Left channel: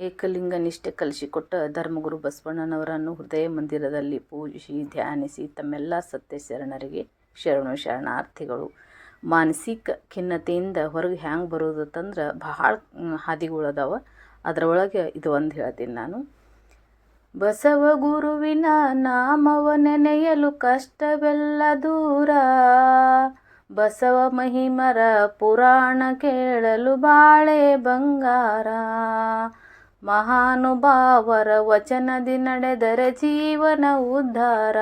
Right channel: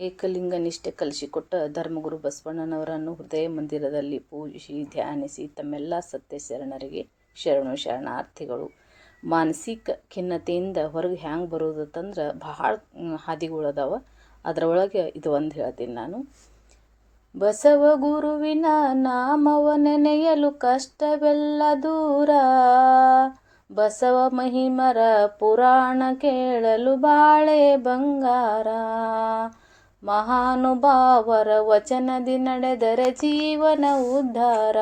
ಏಕಲಿಂಗ ನಿಷ್ಠೆ ಕಲಿಸಿಕೊಟ್ಟ ಧರ್ಮಗುರು ಬಸವಣ್ಣನವರನ್ನು ಹೃದಯ ಮಂದಿರದಲ್ಲಿ ಪೂಜಿಸಿ ಧ್ಯಾನಿಸಿ ತಮ್ಮೆಲ್ಲ ಸತ್ಯ ಶರಣರಿಗೆ ಶರಣು ಶರಣಾರ್ಥಿಗಳು. ಮಾನಸಿಕ ಖಿನ್ನತೆಯಿಂದ ಹೊರಗೆ ಹ್ಯಾಂಗೆ ಅಂತಂದ್ರೆ ಬಹಳ ಹಾದಿಗಳದಾವ ಅದರೊಳಗೆ ಇದು ಒಂದು ಹೇಳ್ತೀನಿ ನಾನು. ಬಸವ ಗುರುವಿನ ನಾಮವ ನೆನೆಯಲು ಕಷ್ಟವೆಲ್ಲ ದೂರ. ಬಸವ ಮಹಿಮರ ಪುರಾಣ ಕೇಳಲು ಬಾಳೆ ಬಂಗಾರ. ಮಹಾನುಭಾವರ ವಚನದಿ ನಡೆದರೆ ಜೀವನ ಉದ್ಧಾರ.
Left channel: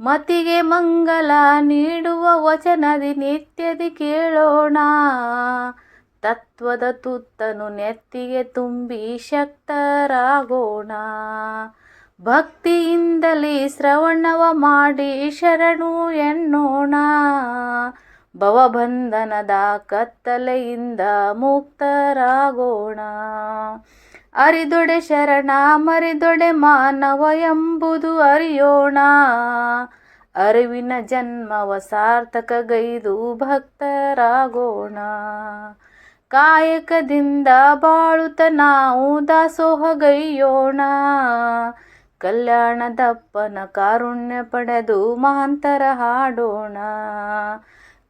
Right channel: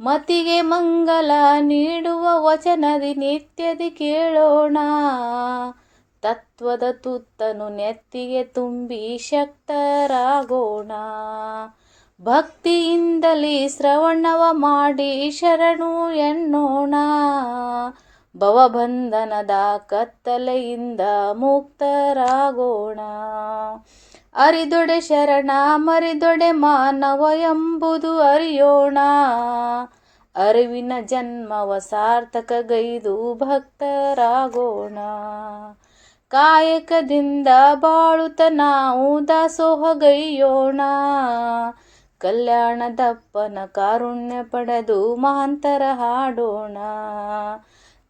ಮತಿಗೆ ಮಂಗಲ ನೀಡುವ ವಚನದಿ ನಿತ್ಯದಿ ಕೇಳೋಣ. ತತ್ವದ ತುತ್ತನು ನೆತ್ತಿಗೆ ತುಂಬಿ ಶಕ್ತರಾಗೋಣ. ಭಕ್ತಿಯಿಂದಲೇ ಶ್ರವಣವ ಮಾಡಿ ಶರಣು ಎನ್ನೋಣ. ಭವಬಂಧನದ ಕತ್ತಲೆಯಿಂದ ಮುಕ್ತರಾಗೋಣ. ಅರಿದೊಡೆ ಶರಣ, ಮರಿದೊಡೆ ಮಾನವ ಎಂಬುದು ಅರಿಯೋಣ. ಅರಿವಿನ ಜನ್ಮವ ಸಾರ್ಥಕಗೈದು ಭಕ್ತರಾಗೋಣ. ಕಾಯಕದಿಂದ ಬಾಳುತ್ತ ನಾವು ದಾಸೋಹಗೈಯೋಣ. ಕಲ್ಯಾಣದಪ್ಪನ ಕಾರುಣ್ಯ ಪಡೆದು ಮಹಾಂತರ ಹಾಡೋಣ.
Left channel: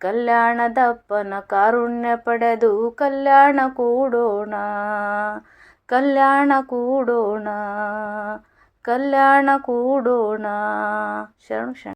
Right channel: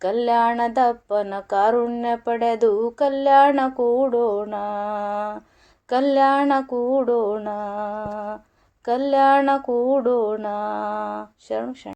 ಕಲ್ಯಾಣದಪ್ಪನ ಕಾರುಣ್ಯ ಪಡೆದು ಕಲ್ಯಾಣ ಕೂಡೋಣ ಕಲ್ಯಾಣ ಕೂಡೋಣ ಕಲ್ಯಾಣ ಕೂಡೋಣ. ಶರಣು ಶರಣ